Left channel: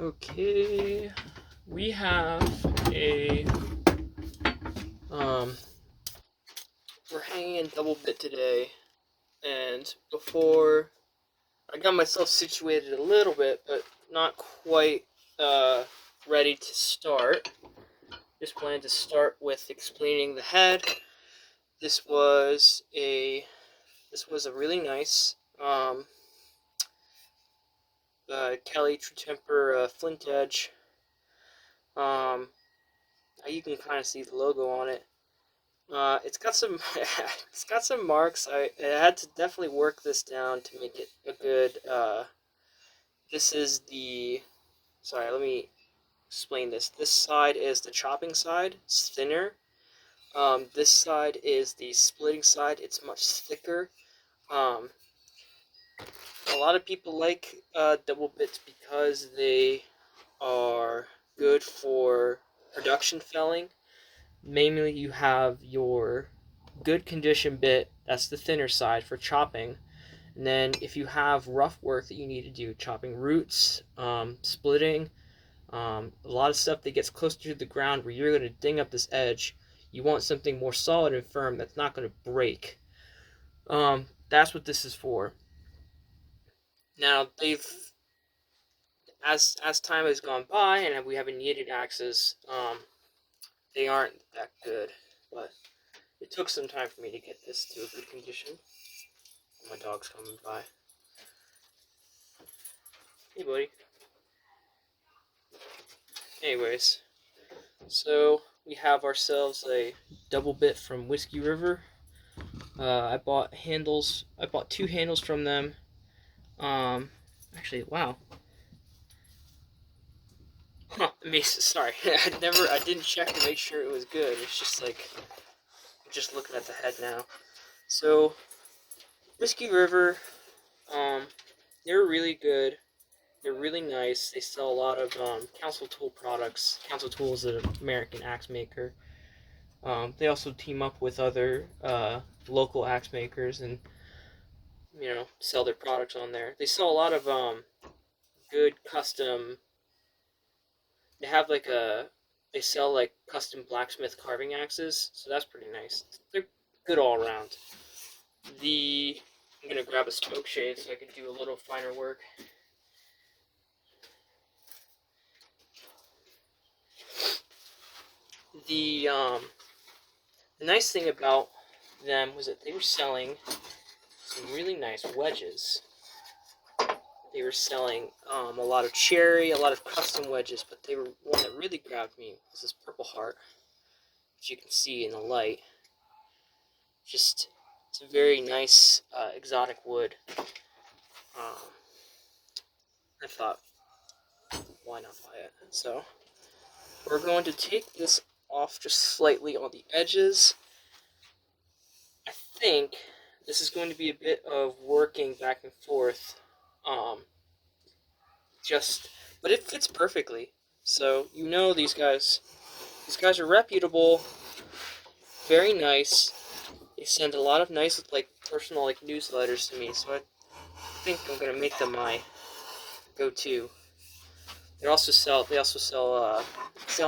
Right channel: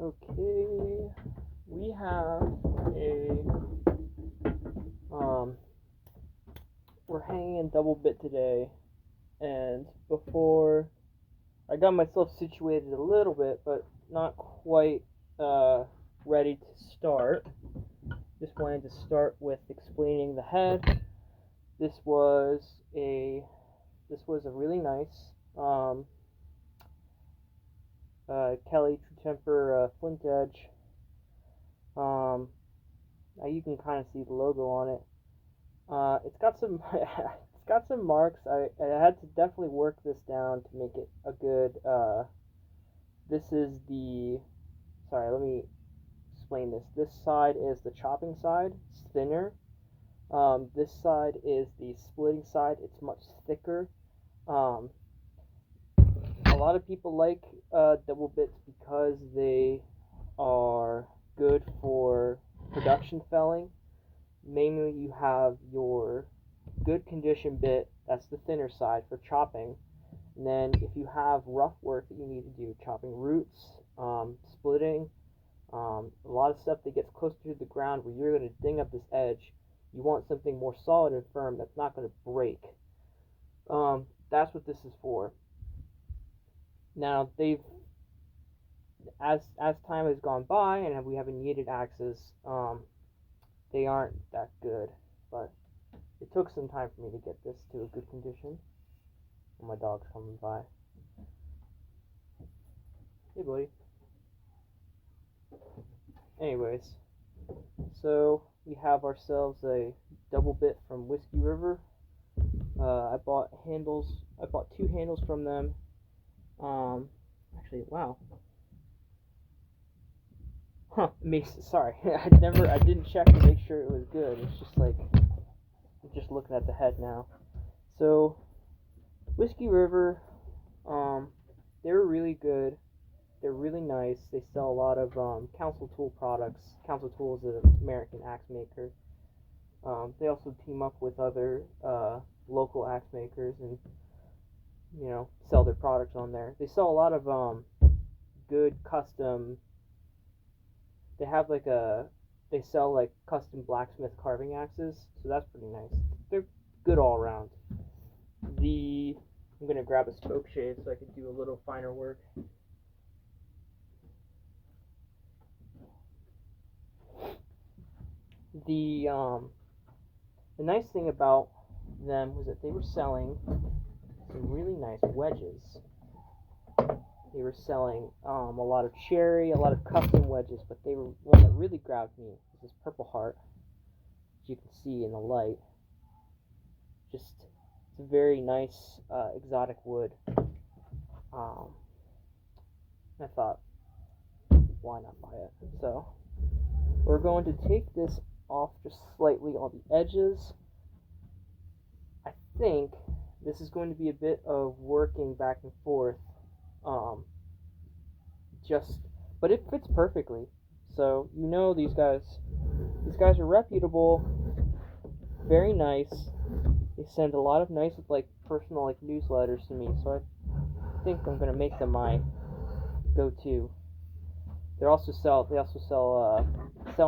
Okay, we have a we're hanging in double bit today, and before I got myself situated a little bit, but not quite ready to start. Just wanted to start with explaining the head. This was a really nice Kelly True Temper Flint Edge. You can kind of see the logo on it. It's got some it's got some marks. I had to definitely work this down to make it a good. This is the. Sorry, let me explain this. This side is the chopping side. It's thinner. This side is the splitting side. It's much thicker. A lot of people like double bits because they are good for production felling. Mainly, you have your good condition bit, that's the thinner side for chopping. And then if you have rough work that you need to do, chopping roots, splitting, a lot of stuff that gets closer to the ground where you're going to ding up this edge, you want something more solid and firm that's not going to break. That's what this is for. Now, as time has gone by and we haven't needed axes, they aren't that good, but it took some time for me to get this to a good condition. Oh, my dog's coming by. Hey, buddy. Anyways, so we have ourselves a double bit from Whiskey River. I bought two handles from them. Actually, wow. Sorry, I didn't check to make sure it was good. It's just like, I'm just looking at the head now. So, Whiskey River, they're really good. They're really nice. They sell a lot of Council Tool products. Council Tool is an American axe maker. They also team up with other local axe makers and, sell their products on there. They sell a lot of good custom. They sell like custom blacksmith carving axes, so that's pretty nice. They're good all around. I'm gonna grab a spoke shave so I can do a little finer work. The nice thing about them was that they were selling some really nice wedges. They were selling a lot of cherry, a lot of custom wedges, but one that really grabbed me was this Purple Heart, which you can see in the light. It's a very nice exotic wood. I thought, why not buy it? So we're going to take this off just slightly on the edges. I think this is going to be a bit of working back and forth. But it fits perfectly. So these guys are reputable, very nice. They send a lot of nice personal newsletters to me, so I think I'm gonna make them my go-to. They also sell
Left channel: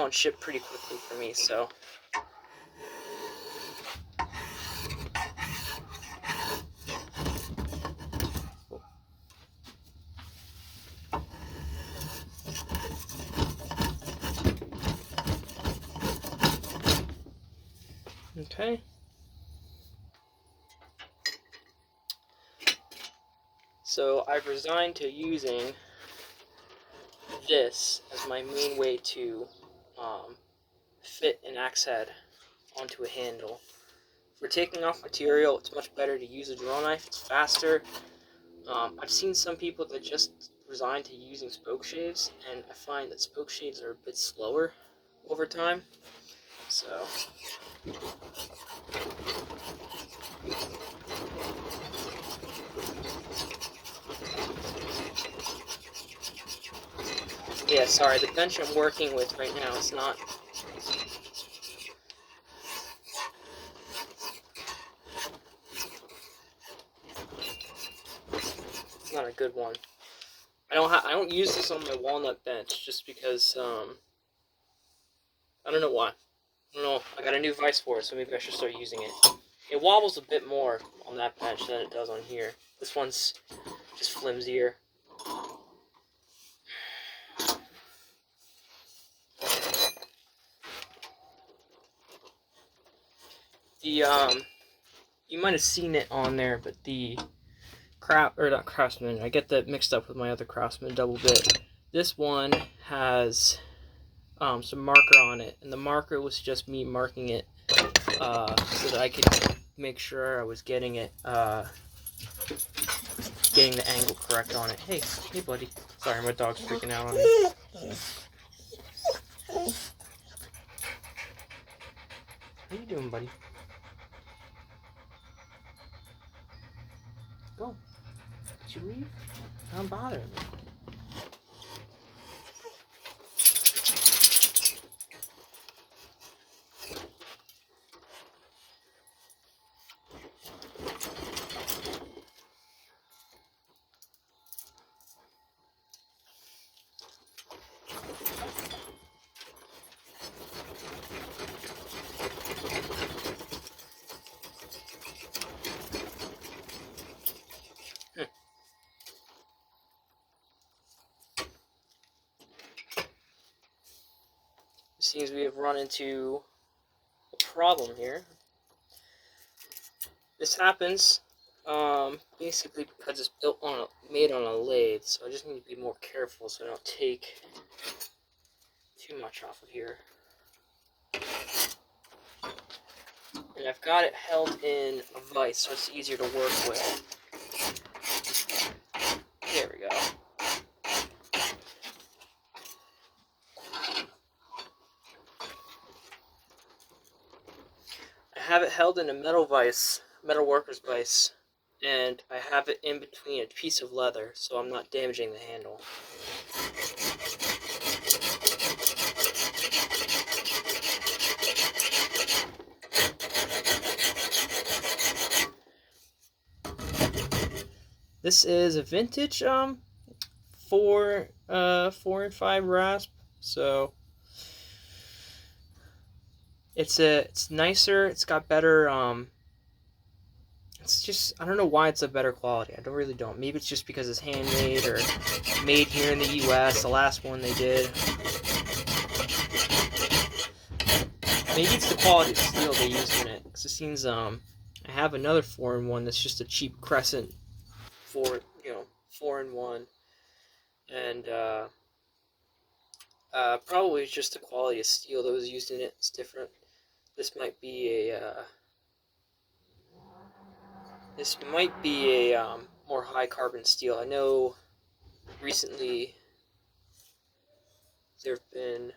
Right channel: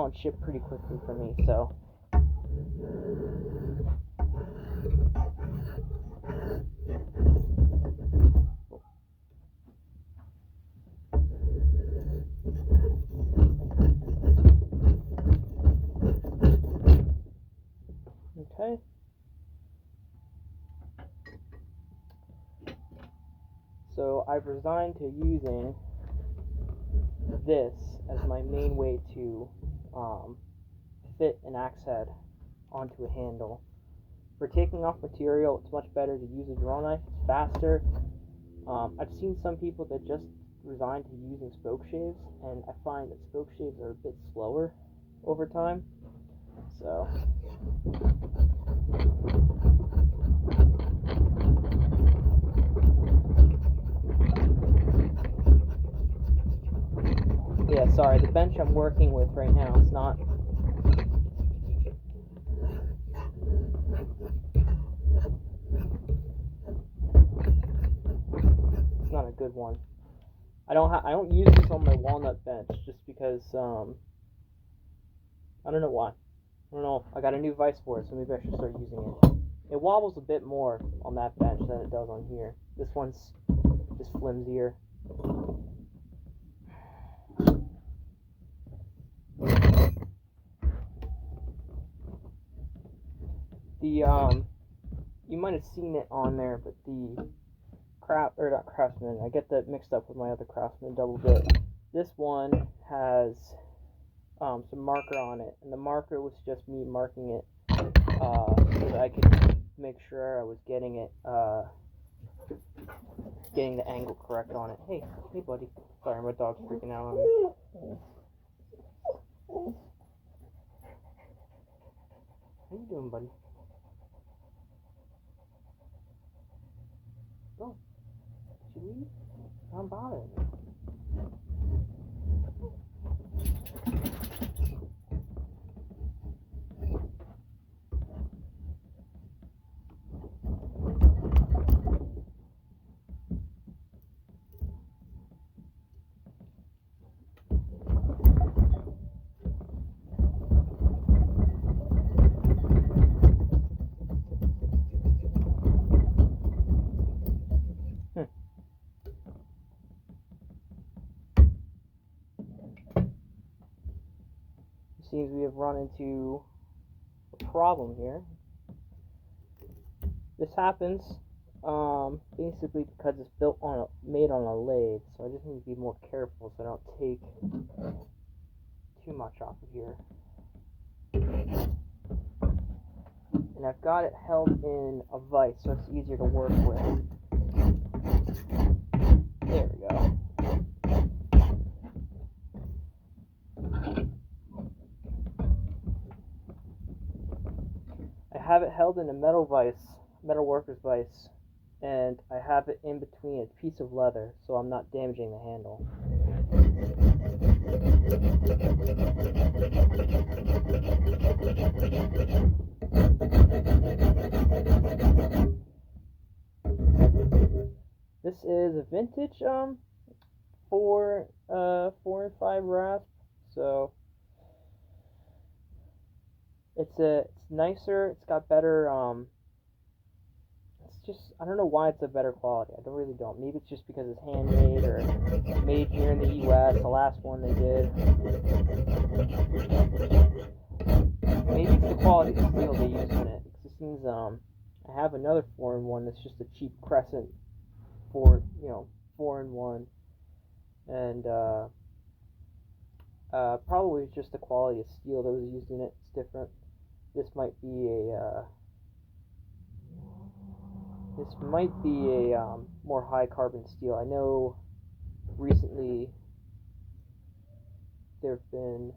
and ship pretty quickly for me, so. Okay. So I've resigned to using this as my main way to fit an axe head onto a handle. For taking off material, it's much better to use a draw knife. It's faster. I've seen some people that just resign to using spoke shaves, and I find that spoke shaves are a bit slower over time. So. Yeah, sorry, the bench I'm working with right now is not a good one. I don't use this on my walnut bench just because I don't know why. I don't know. I got a new vise for it, so maybe I should start using it. It wobbles a bit more on that bench than it does on here. This one's just flimsier. The you might have seen it on there, but the not Craftsman. I get that mixed up with my other Craftsman double bit. This one has some marker on it, and the marker was just me marking it so that I could make sure I was getting it, getting the angle correct on it. Hey, buddy. Sorry, my dog's freaking out on me. How you doing, buddy? Go. Did you leave? Don't bother me. It seems we have run into a problem here. This happens basically because it's made on a lathe, so I just need to be more careful so I don't take too much off of here. And I've got it held in a vise so it's easier to work with. There we go. I have it held in a metal vise, metal worker's vise, and I have it in between a piece of leather so I'm not damaging the handle. This is a vintage 4 and 5 rasp, so it's nicer. It's got better. It's just, I don't know why it's a better quality. I really don't. Maybe it's just because it's handmade or made here in the U.S. The last one they did. Maybe it's the quality of the steel they used in it. Because it seems I have another 4-in-1 that's just a cheap Crescent 4-in-1, and probably it's just the quality of steel that was used in it. It's different. This might be a more high carbon steel. I know recently they've been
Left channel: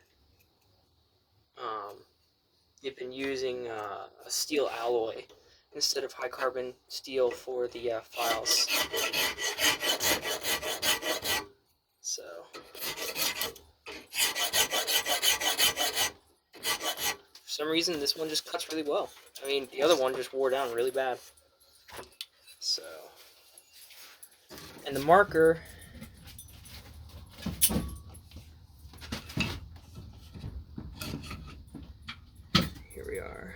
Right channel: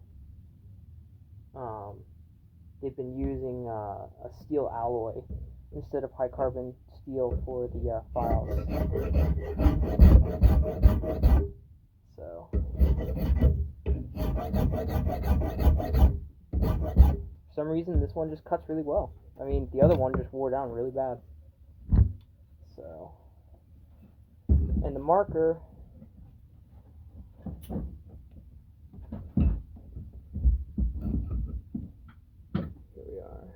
using a steel alloy instead of high carbon steel for the files. So for some reason this one just cuts really well. I mean, the other one just wore down really bad. So, and the marker, here we are.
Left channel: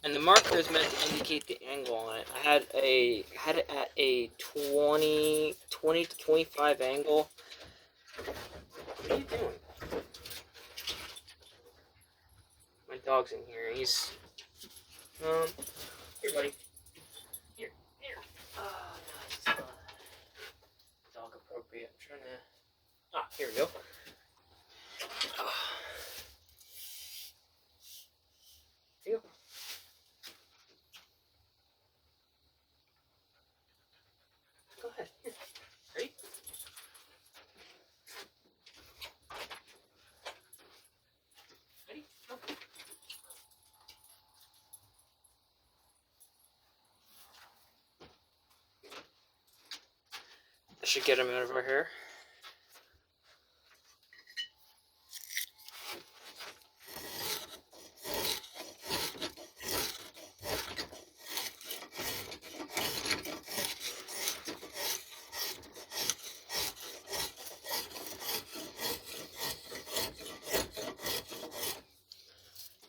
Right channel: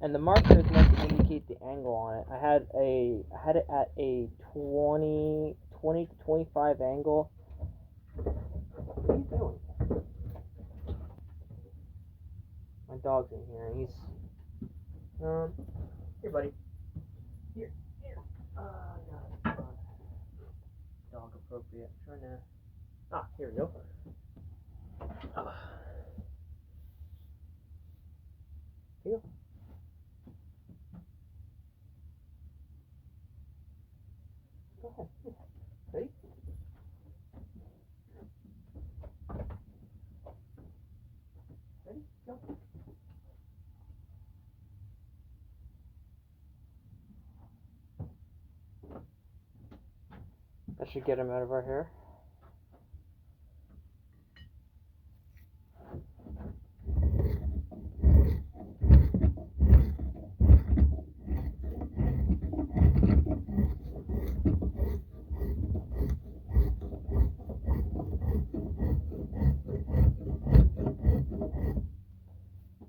And the marker is meant to indicate the angle on it. I had it at a 20 to 25 angle. What are you doing? My dog's in here. He's here, buddy. Here. No, it's not dog appropriate. I'm trying to. Here we go. Here you go. Go ahead. Here. Ready? Ready? Go. That should get him out of our hair.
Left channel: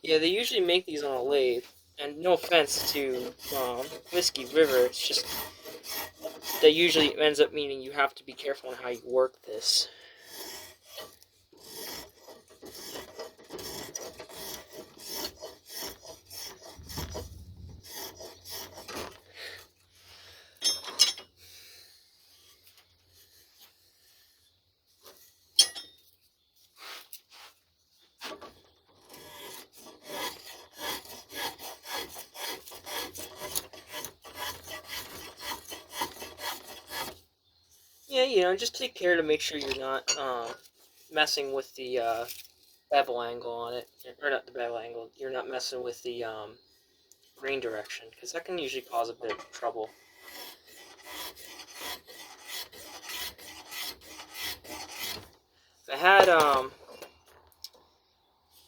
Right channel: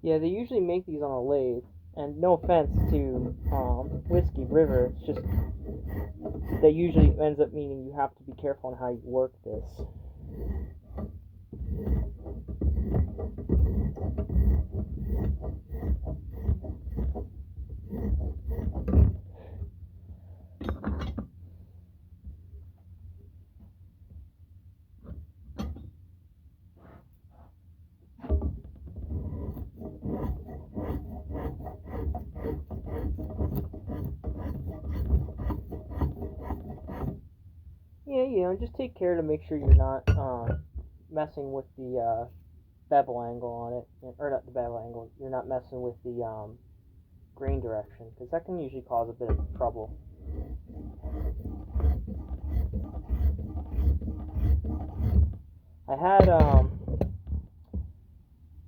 Yeah, they usually make these on a lathe. And no offense to Whiskey River, it's just that usually ends up meaning you have to be careful on how you work this. Yeah, just take care to make sure you're not messing with the bevel angle on it, or not the bevel angle. You're not messing with the grain direction, because that can usually cause a bit of trouble. I had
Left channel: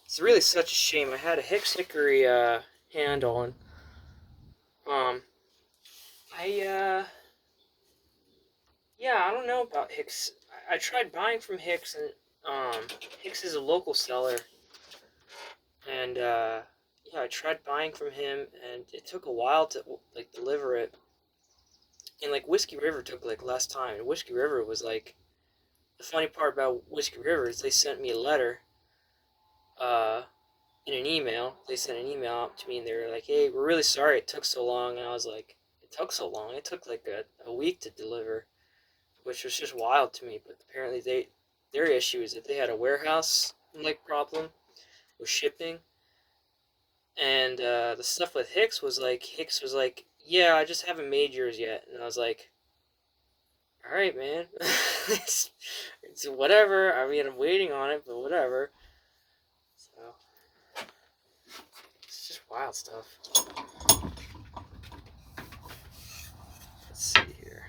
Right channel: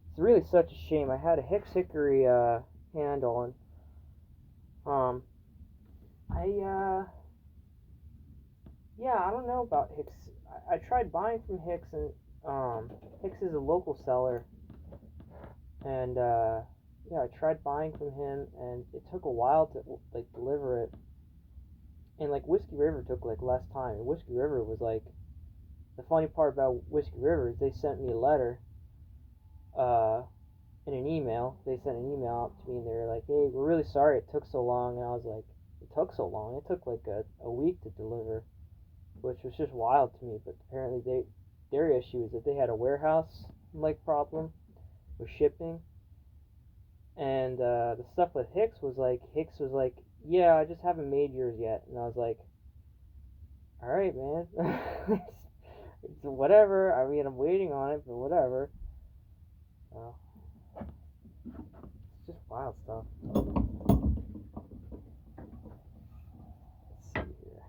it's really such a shame. I had a Hicks Hickory handle, and I yeah, I don't know about Hicks. I tried buying from Hicks, and Hicks is a local seller, and yeah, I tried buying from him, and it took a while to like deliver it. And like Whiskey River took like less time, and Whiskey River was like, the funny part about Whiskey River is they sent me a letter, in an email. They sent an email out to me, and they were like, "Hey, we're really sorry it took so long." And I was like, "It took so long? It took like a week to deliver," which was just wild to me. But apparently their issue is that they had a warehouse like problem with shipping, and the stuff with Hicks was like, "Yeah, I just haven't made yours yet," and I was like, "All right, man, it's whatever. I mean, I'm waiting on it, but whatever." So it's just wild stuff. Let's see here.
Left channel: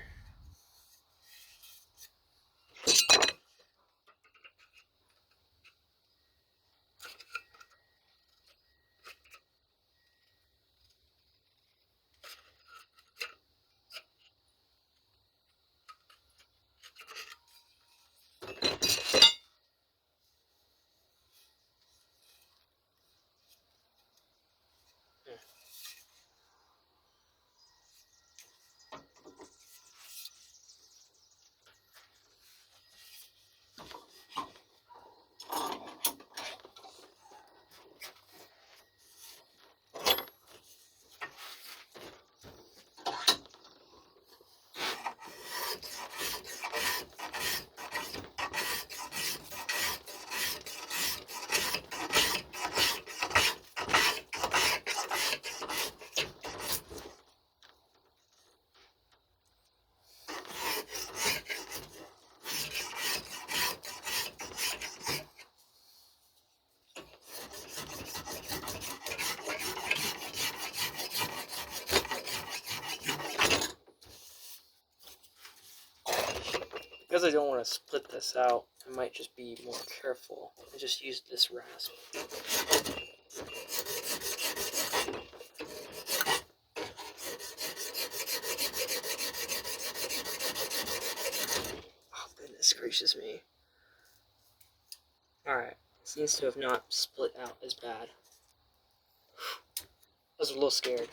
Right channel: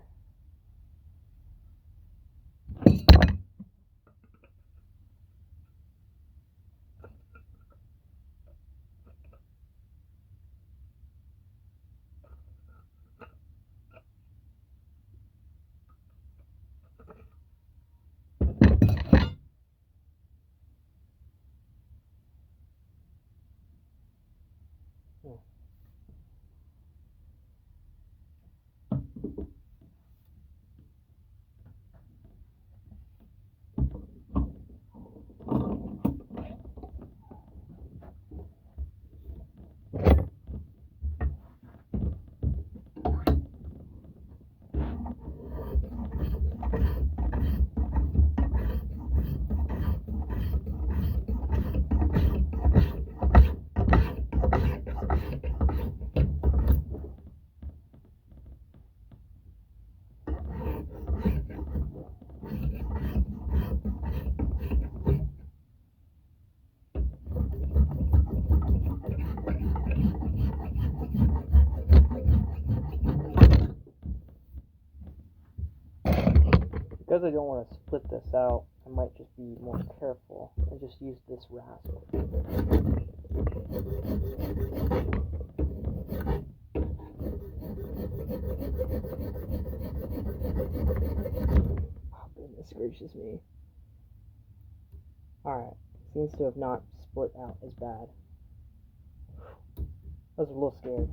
Because I don't want to split this out, I might just be more careful and just use this rasp. Oh, goodness gracious me. Alright, seems to have not split out as bad. I was a little scared.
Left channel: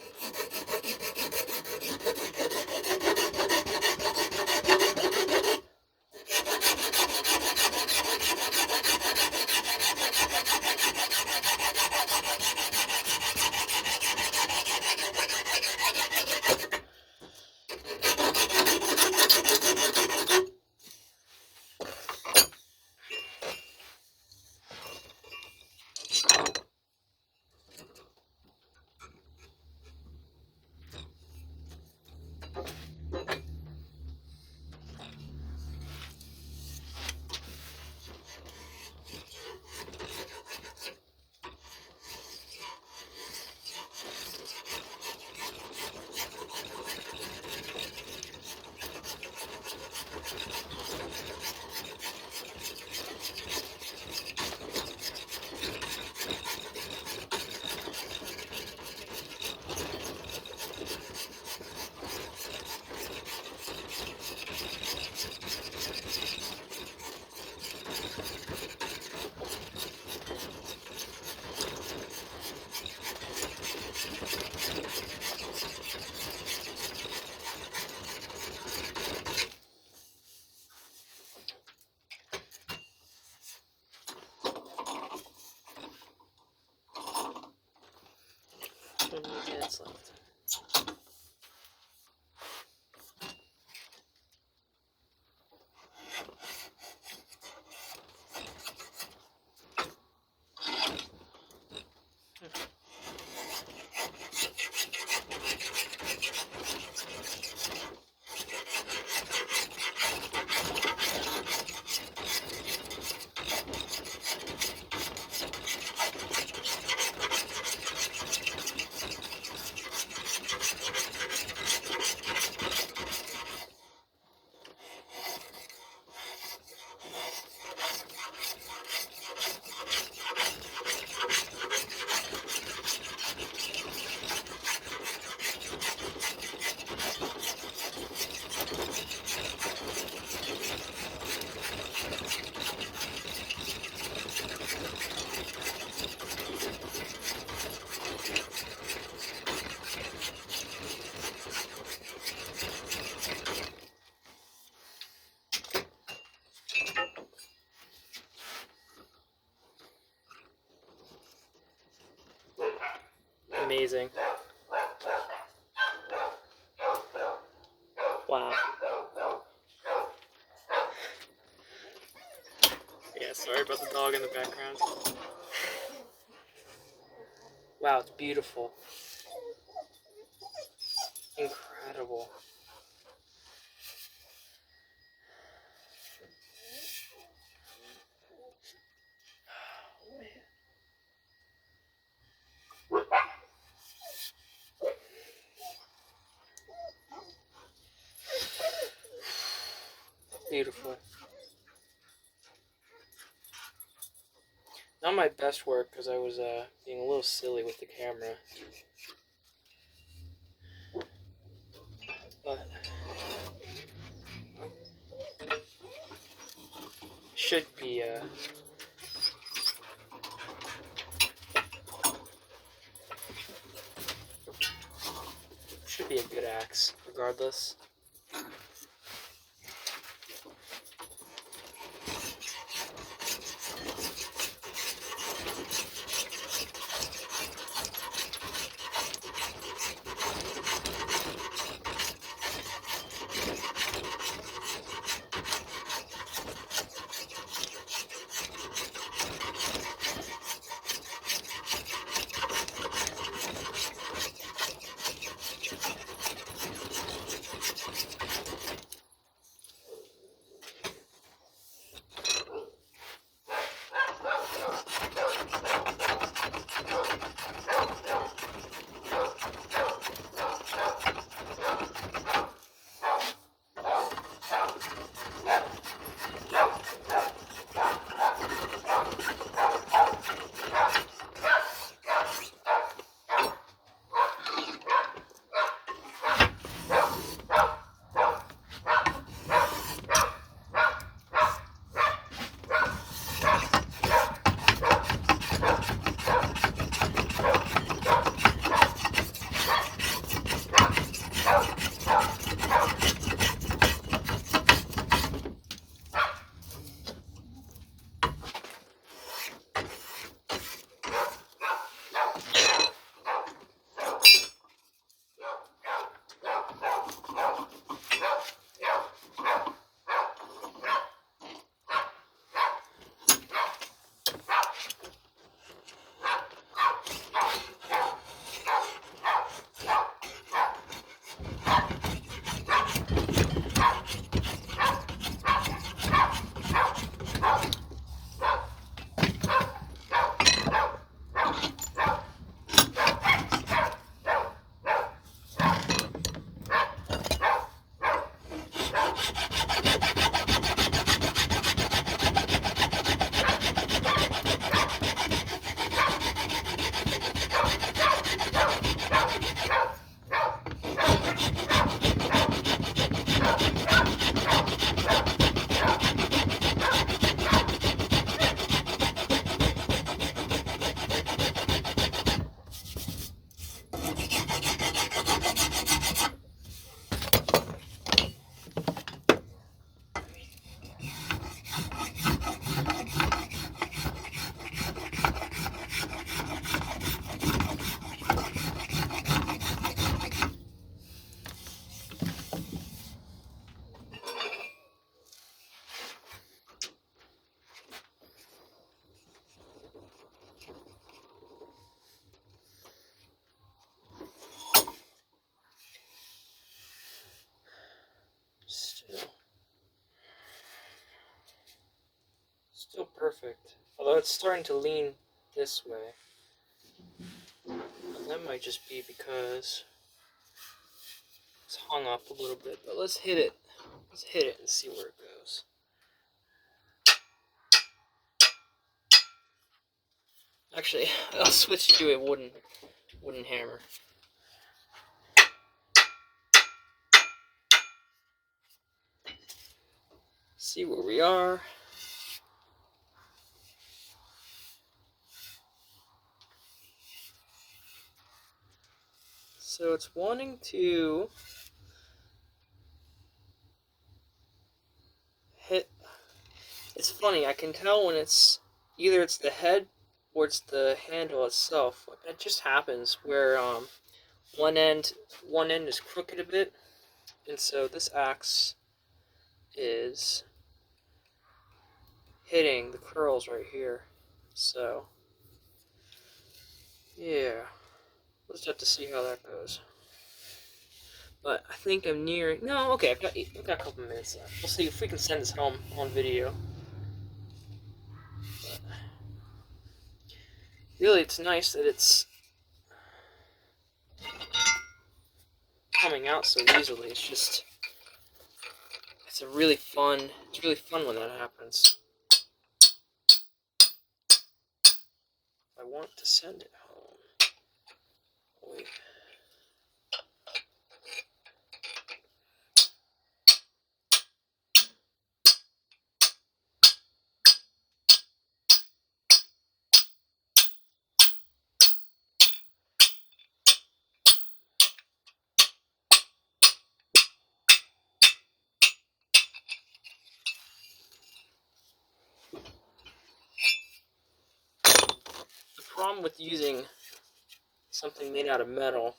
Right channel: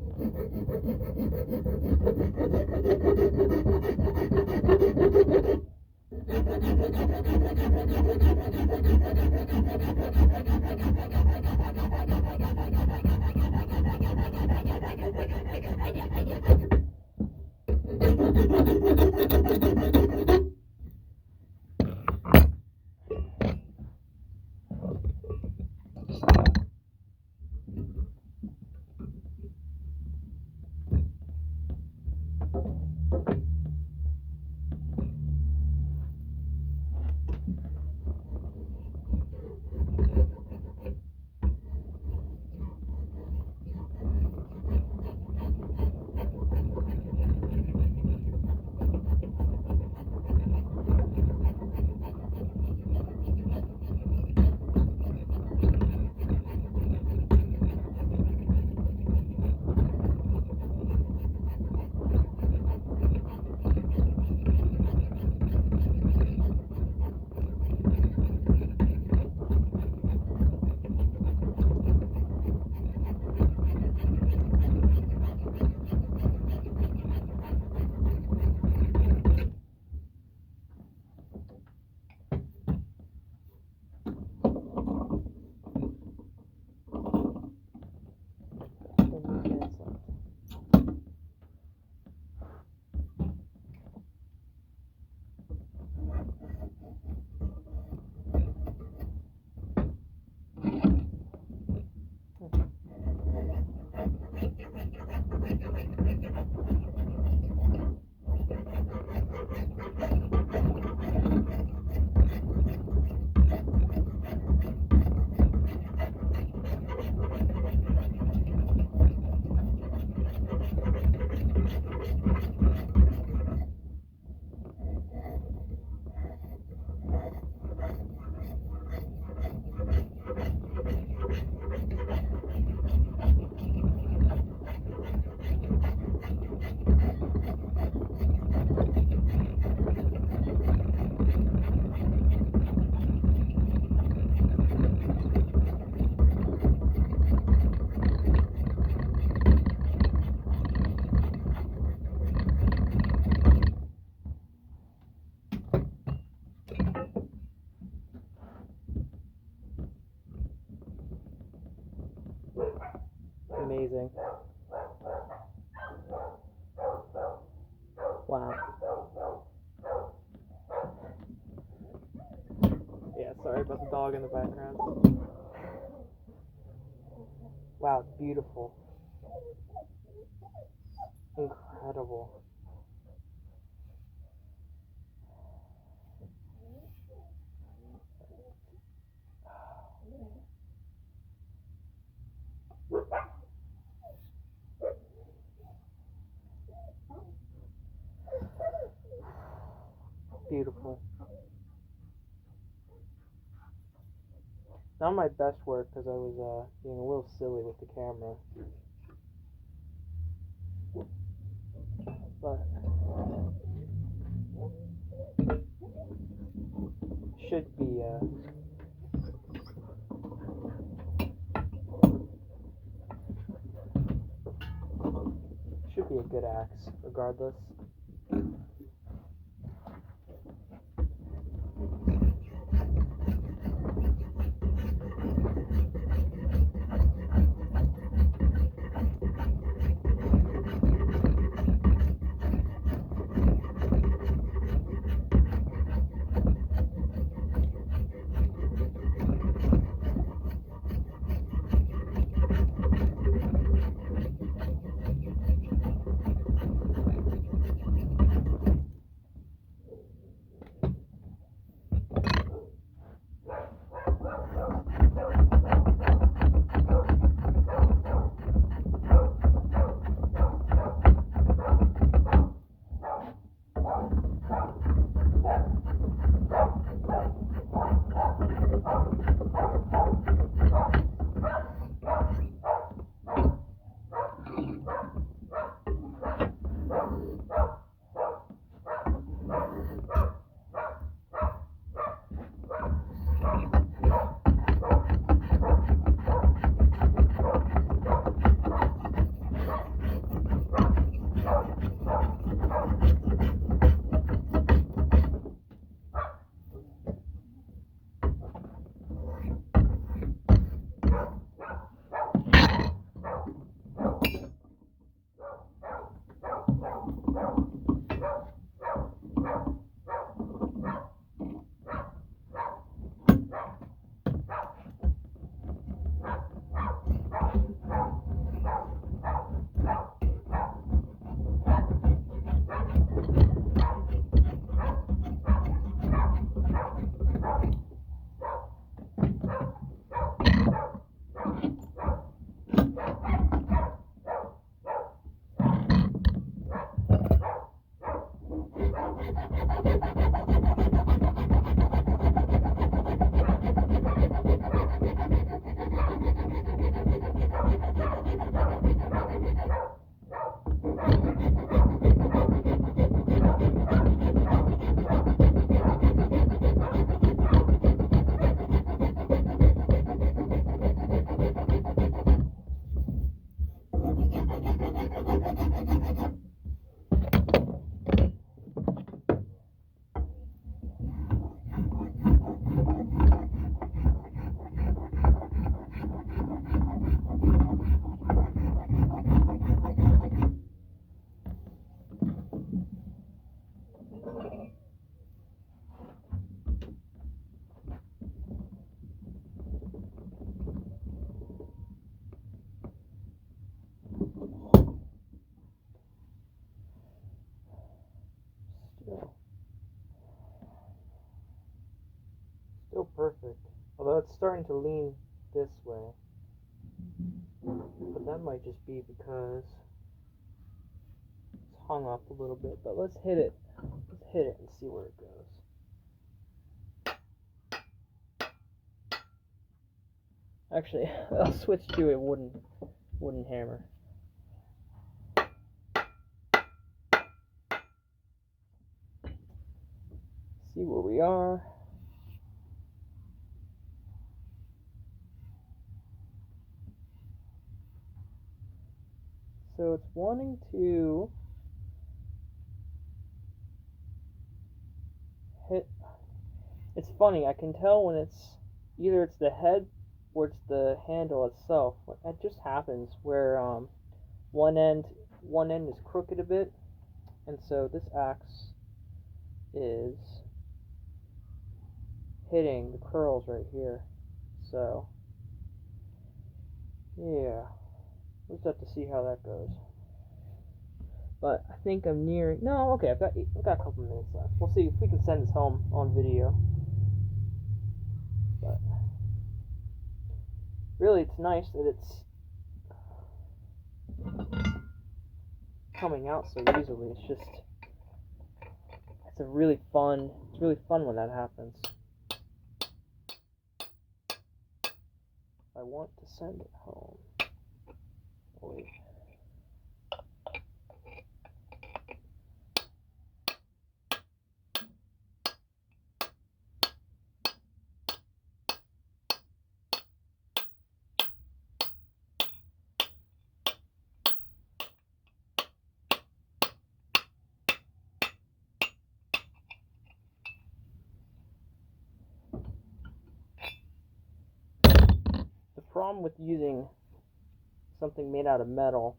minutes left. Amazing. Wow. Yeah, sorry about the dog in the background. Wow, it's beautiful. Incredible. Beautiful. Not my best work because I was being a little silly with the camera. But should be should be a good axe regardless. Still perfect. Although it's starting to lean this way. But that might just be because it's hung up a little bit. But let's hit it. Let's hit it and see where it goes. Actually, I'll switch to a wooden hammer. See where we are. So it's wanting to hit. It's funny, I can tell when it's either it's the head or it's the handle itself. It just happens where one end is crooked a bit, and so this axe is hitting the curls right here. So yeah, we'll just have to see how that goes. But I think I'm nearing. No, okay, I've got a couple minutes left. We'll see if we can send this home on video. But really, it's nice that it's coming out so easily. It's really fun when that happens. I want to send it home. Wait. The problem with using something made out of metal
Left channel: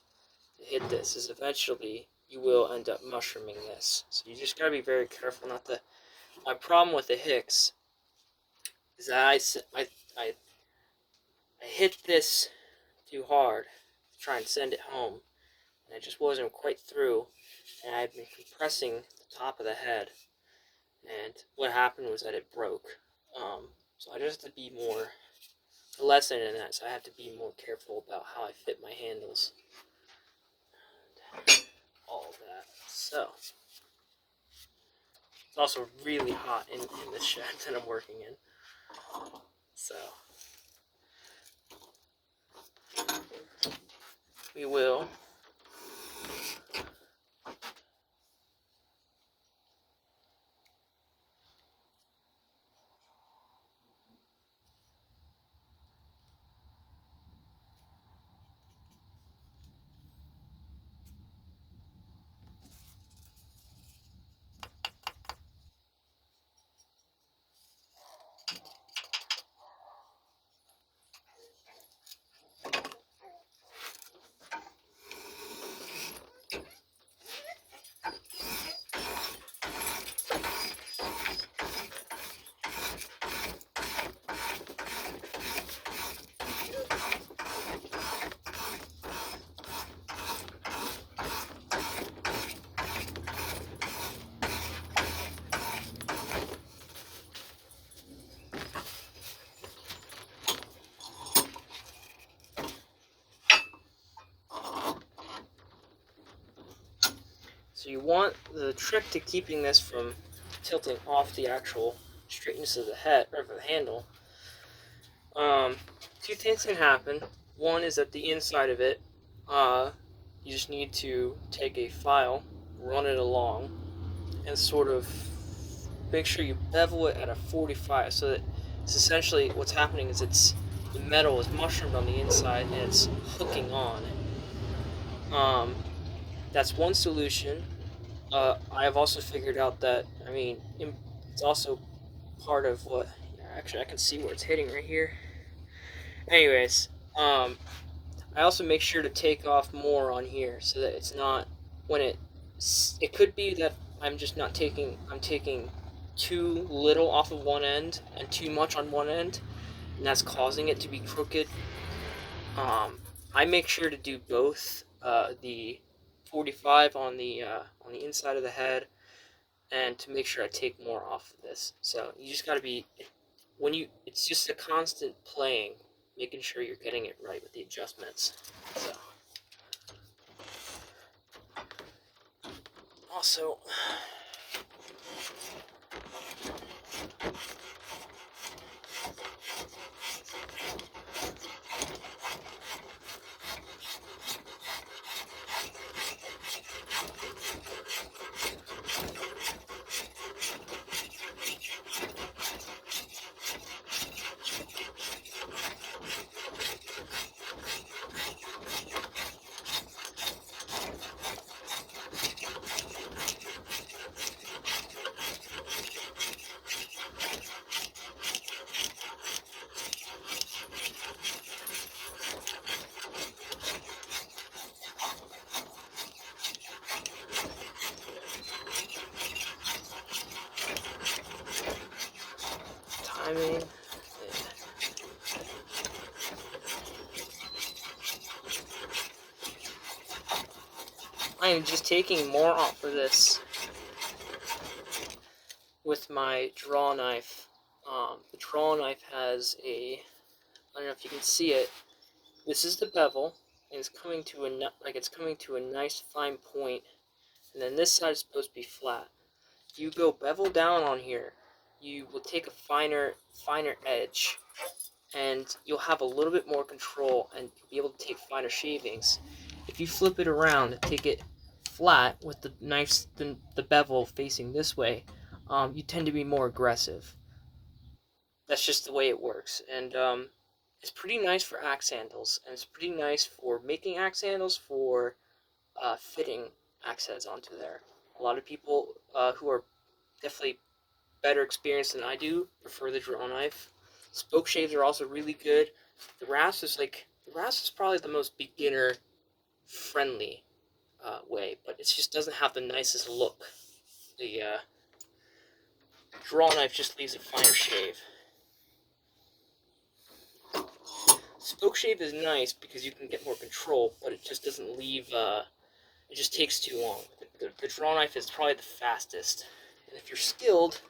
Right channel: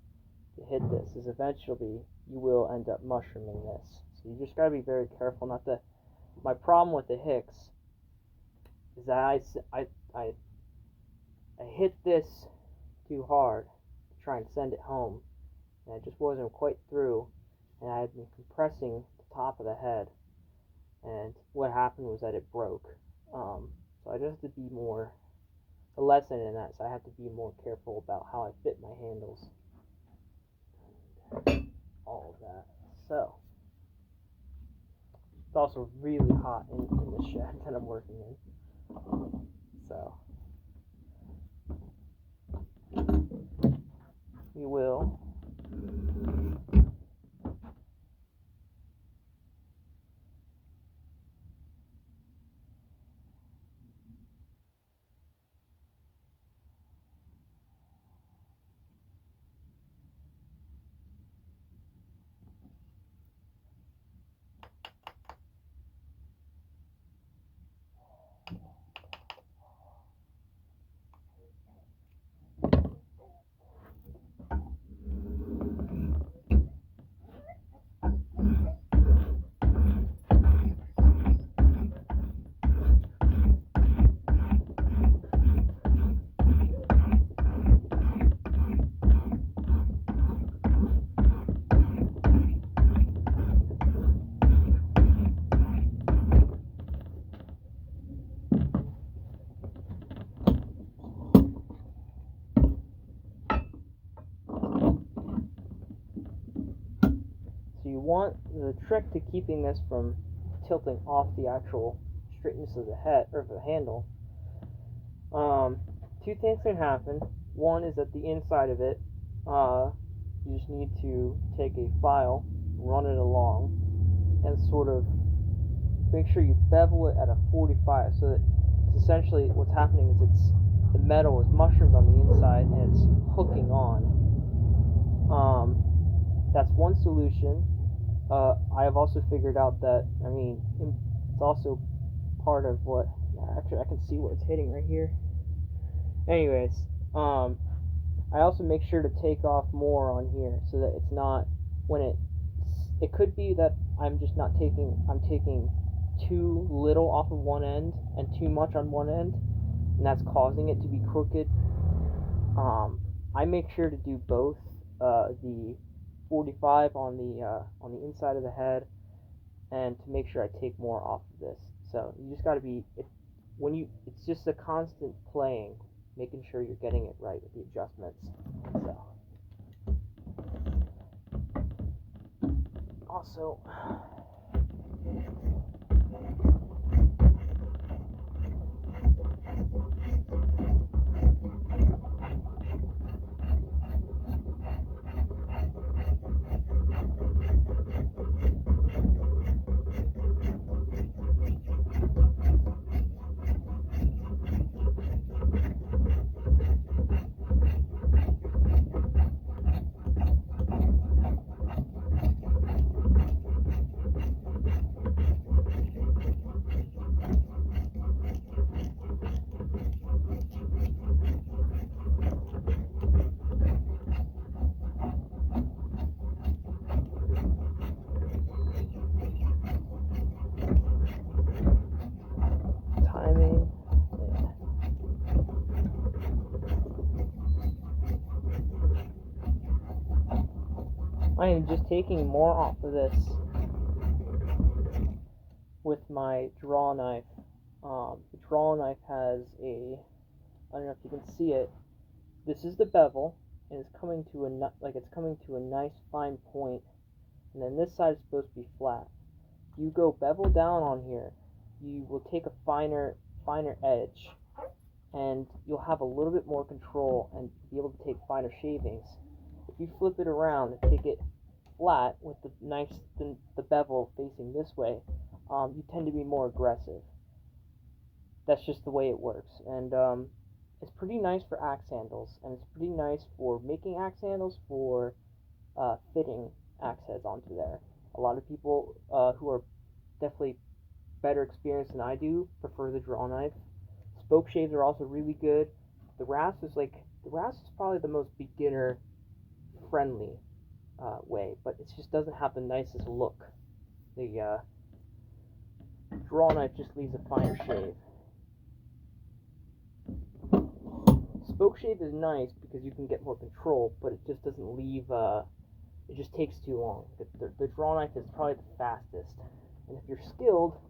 to hit this is eventually you will end up mushrooming this. So you just gotta be very careful not to. My problem with the Hicks is that I hit this too hard to try and send it home, and it just wasn't quite through, and I had been compressing the top of the head, and what happened was that it broke. So I just have to be more. A lesson in that, so I have to be more careful about how I fit my handles. And all of that. So it's also really hot in the shed that I'm working in. So we will So you want the trick to keeping this from tilting off the actual straightness of the head or the handle. Two things can happen. One is that the inside of it, you just need to take a file, run it along, and sort of make sure you bevel it at a 45, so that it's essentially what's happening is the metal is mushroomed on the inside and it's hooking on. That's one solution. I have also figured out that, it's also part of what, actually I can see where it's hitting right here. Anyways, I also make sure to take off more on here so that it's not, it could be that I'm taking too little off of one end and too much on one end, and that's causing it to be crooked. I make sure to do both, the 45 on the inside of the head, and to make sure I take more off of this. So you just got to be it's just a constant playing, making sure you're getting it right with the adjustments. So also, timing. I am just taking more off of this with my draw knife. The draw knife has I don't know if you can see it. This is the bevel, and it's coming to a nice fine point, and then this side is supposed to be flat. If you go bevel down on here, you will take a finer edge, and you'll have a little bit more control, and you'll be able to take finer shavings. If you flip it around and take it flat with the bevel facing this way, you tend to be more aggressive. That's just the way it works, and it's pretty nice for axe handles, and it's pretty nice for making axe handles, for fitting axe heads onto there. A lot of people who are definitely better experienced than I do prefer the draw knife. Spoke shaves are also really good. The rasp is probably the most beginner friendly way, but it just doesn't have the nicest look. The draw knife just leaves a finer shave. Spoke shave is nice because you can get more control, but it just doesn't leave. It just takes too long. The draw knife is probably the fastest, and if you're skilled,